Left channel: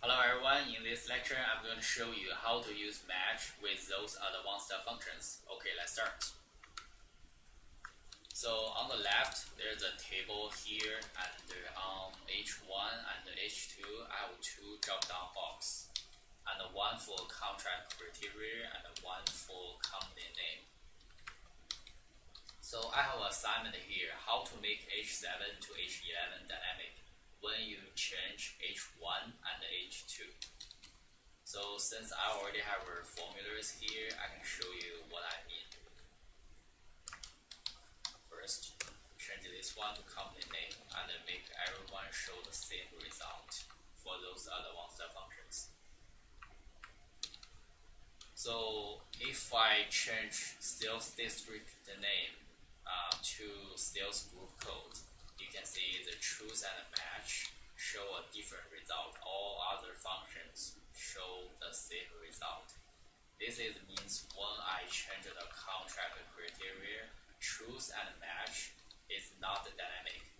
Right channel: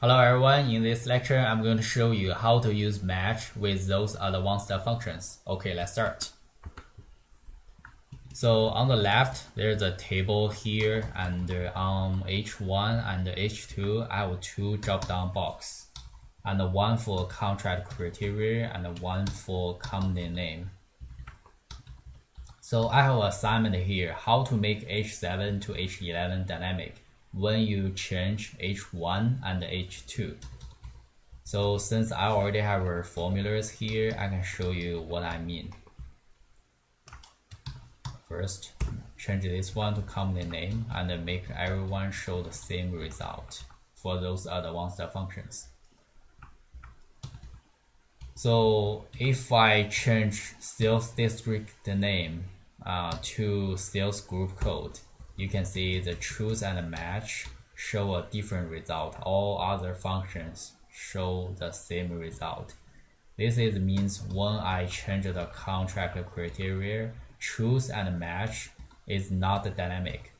Hello everyone, in this lecture I'm going to show you how to use match with those advanced functions. Okay, let's start. So on the left there's a table here, and on H1 and H2 I have two drop down box, and one for contract criteria and one for company name. So I have an assignment here, how to make H7 to H11 dynamic when you change H1 and H2. So since I already have our formulas here, I can show you what I mean. First, change this one to company name and make everyone show the same result for those advanced functions. So if I change sales district name to sales group code, you can see the choose and match show a different result. All other functions show the same result. This means when I change the contract criteria, choose and match is not dynamic.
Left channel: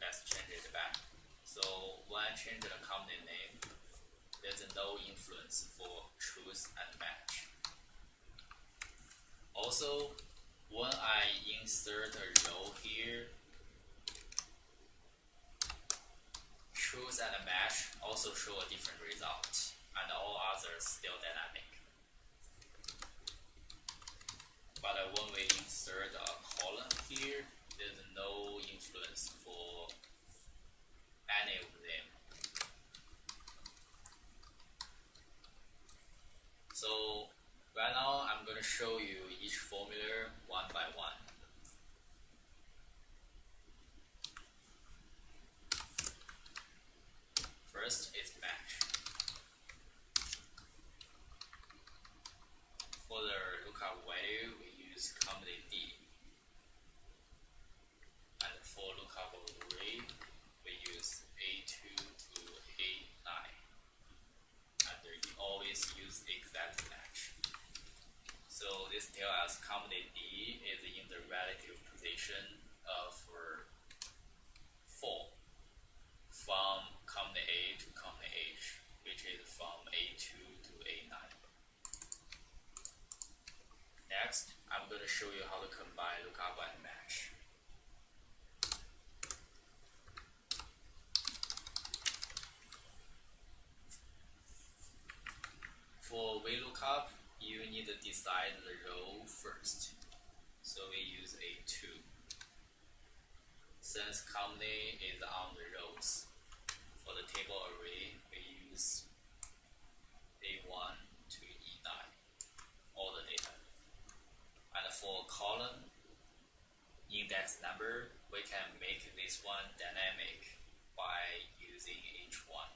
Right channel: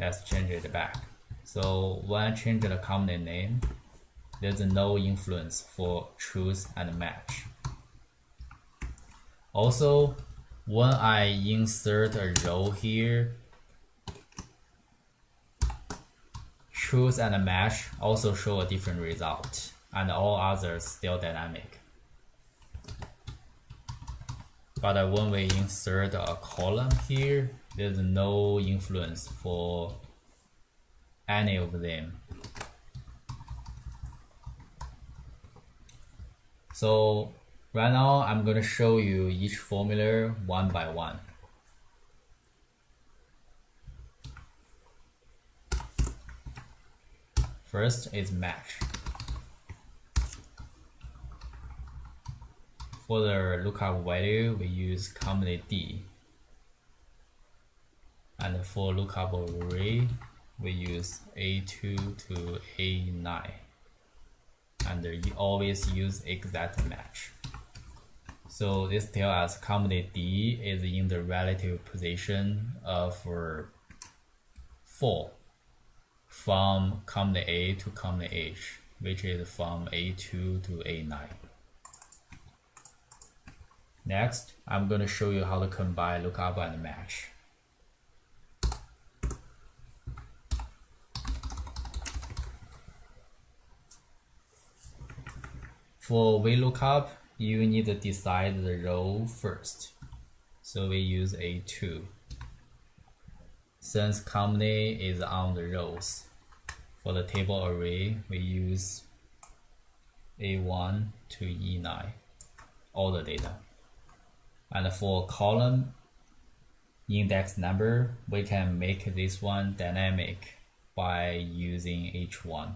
Let's change it back. So when I change the company name, there's no influence for choose and match. Also, when I insert a row here, choose and match also show a different result, and all others still dynamic. But when we insert a column here, there's no influence for any of them. So right now I'm going to show you each formula one by one. First is match. For the lookup value, we use company D. And for lookup array, we use A2 to A9. And you always use exact match. So this tells us company D is in the relative position of 4 from company A to company H, which is from A2 to A9. Next, I'm going to show you how to combine lookup and match. For VLOOKUP, you need to decide the row first. So we use A2. Since company is on the rows, for the table array, we use A1 to E9, all the data. And for column index number, we can make this one dynamic by using H1.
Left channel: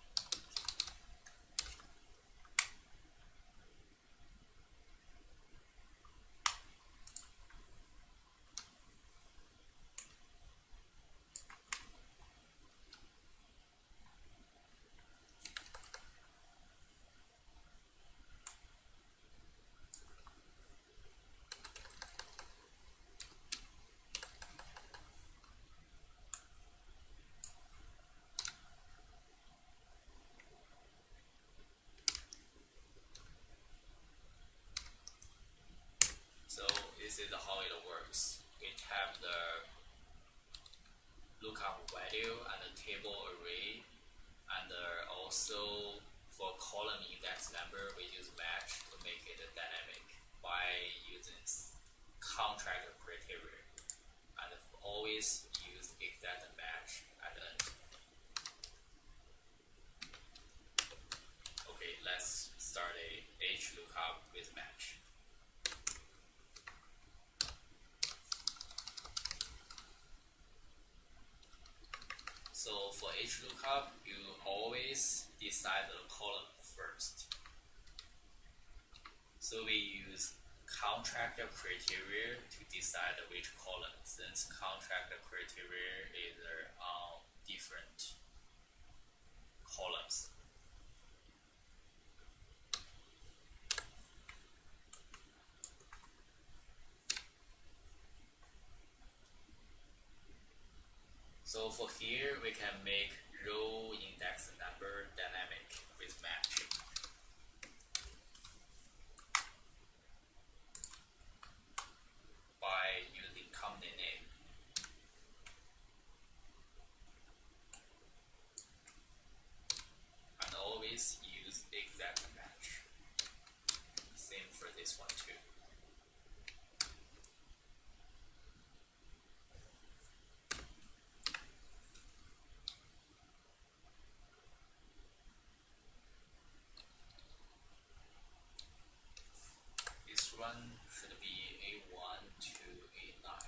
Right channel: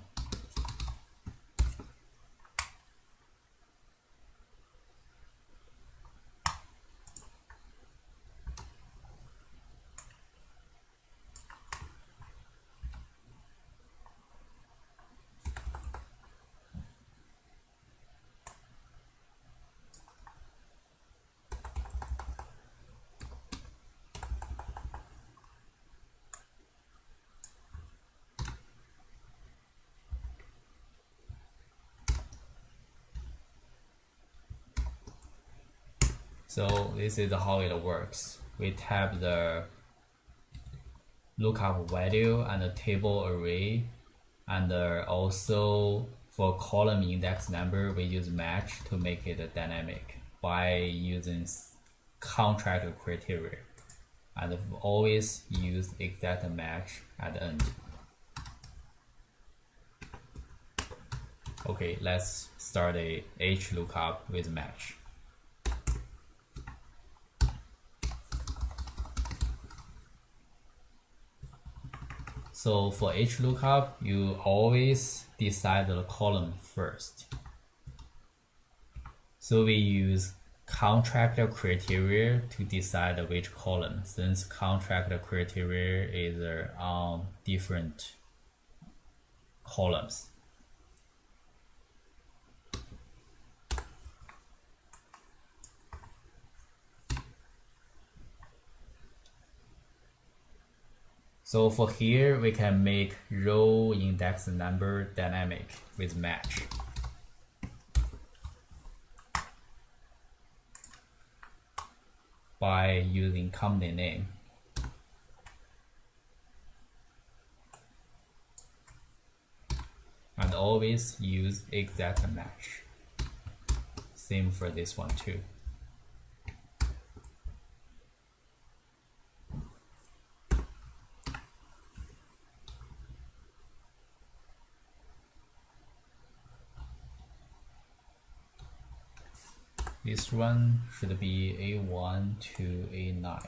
So this is how it works. We tap the lookup value and the table array, and also for column index number, we use match to make it dynamic by using contract criteria, and always use exact match at the end. Okay, let's start a HLOOKUP with match. So for HLOOKUP, you always decide the column first. So we use contract criteria to decide which column, since contract criteria is on different columns. So for here, we can make row index number dynamic with match. By using company name. And always use exact match. Same for this one too. This one should be A1 to A9.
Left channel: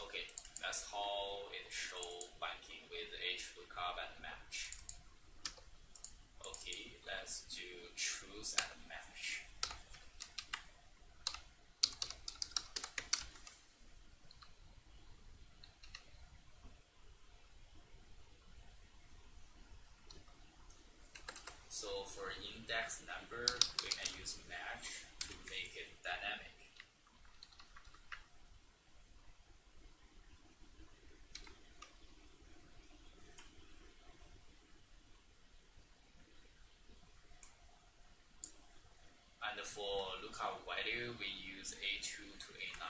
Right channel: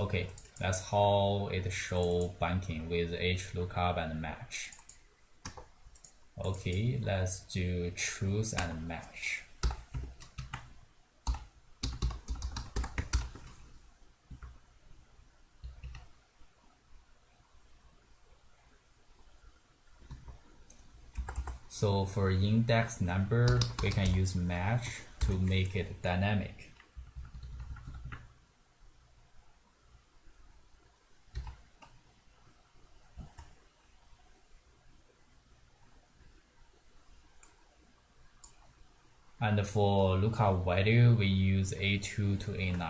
Okay, that's how it show banking with HLOOKUP and match. Okay, let's do choose and match. So for index number, we can use match to make it dynamic. And for lookup value, we use A2 to A9.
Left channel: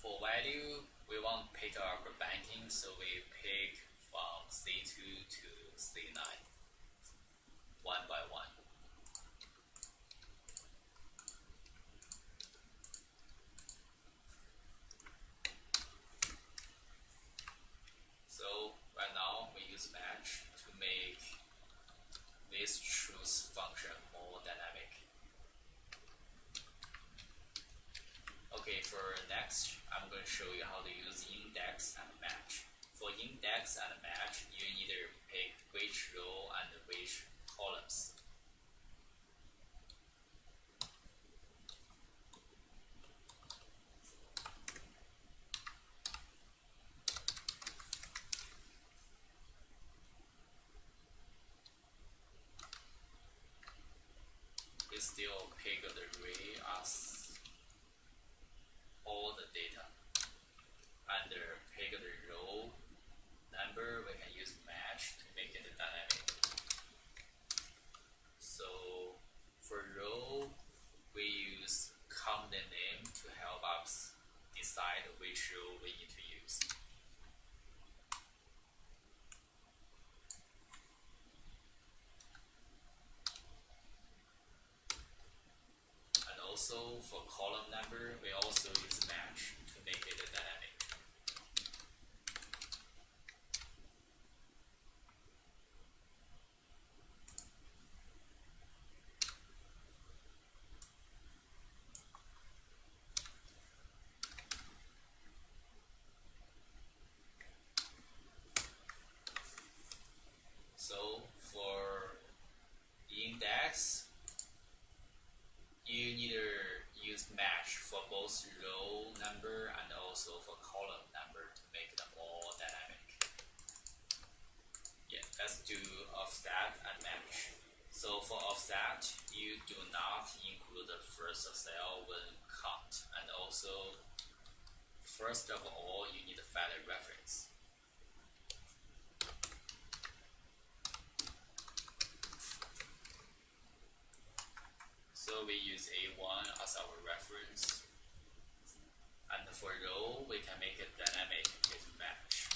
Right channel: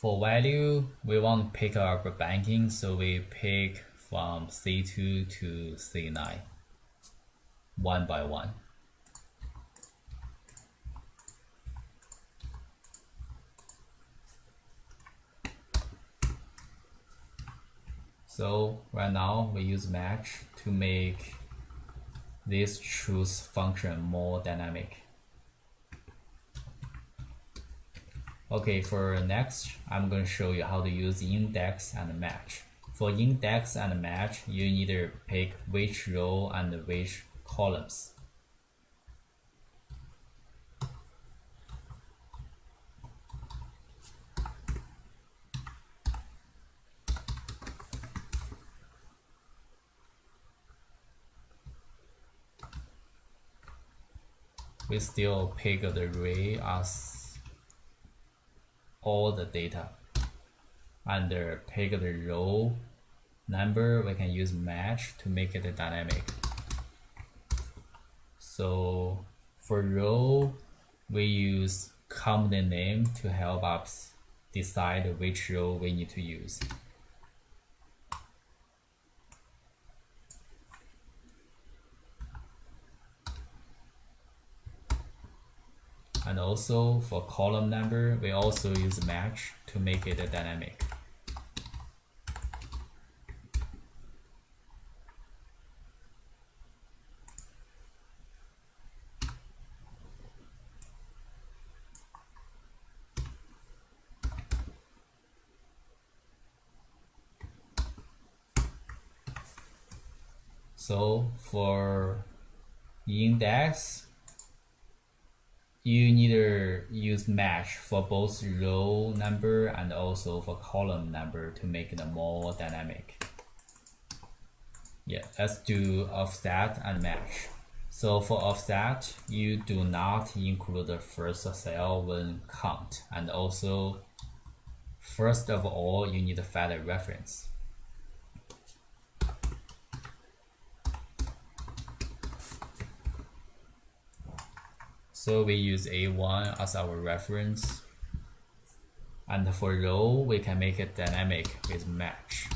For value, we want to pick our banking, so we pick from C2 to C9, one by one. So right now we use match to make this choose function more dynamic. Okay, for next, I'm going to show you how to use index and match. For index and match, you either pick which row and which columns. We still pick the array as all the data. Under pick the row number, we can use match to make it dynamic. So for row, we use company name to help us decide which row we need to use. And also for column number, we also use match to make it dynamic. So for index, you neither use match for both row number and also for column number to make it more dynamic. Yeah, let's do offset and match. So for offset, you do not include the first cell when count, and also first of all, you need to find a reference. So we use A1 as our reference, and for row, we can make it dynamic with match.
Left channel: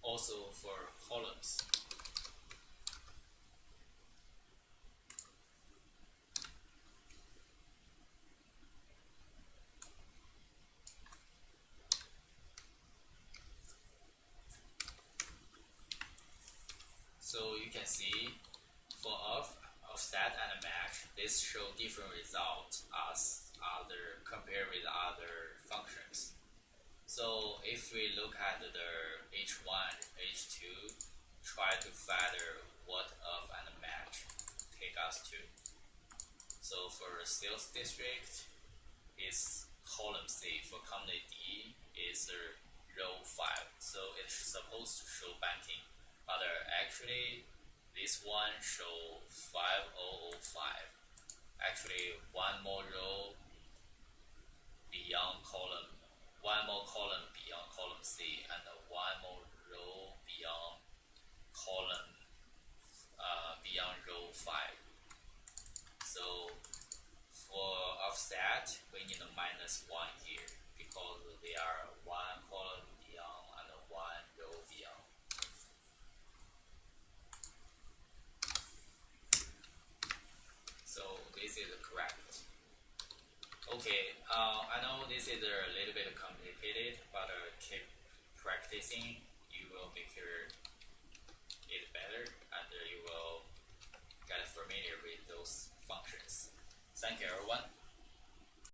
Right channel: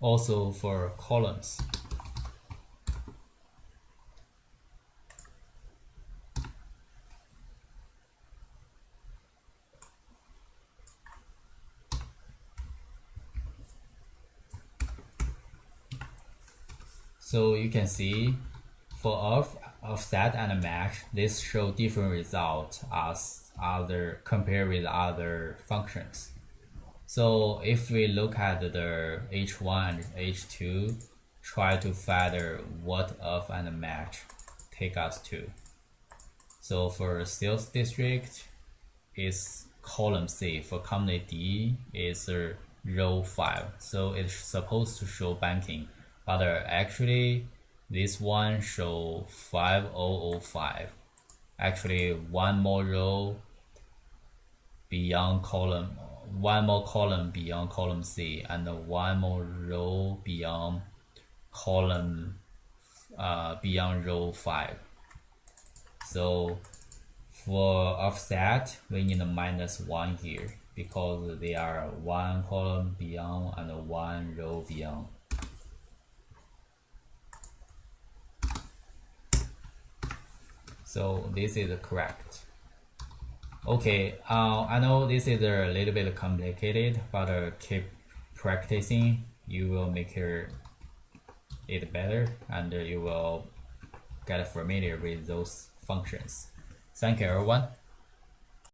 Also for columns, So you can see for offset and match, this show different result as other compared with other functions. So if we look at the H1 and H2, try to find what off and match take us to. So for sales district is column C, for company D is row 5. So it's supposed to show banking, but actually this one show 5005. Actually one more row beyond column, one more column beyond column C, and one more row beyond column beyond row 5. So for offset, we need a -1 here because they are one column beyond and one row beyond. So this is correct. Okay, I know this is a little bit complicated, but keep practicing. You will make it better, and you will get familiar with those functions. Thank you, everyone.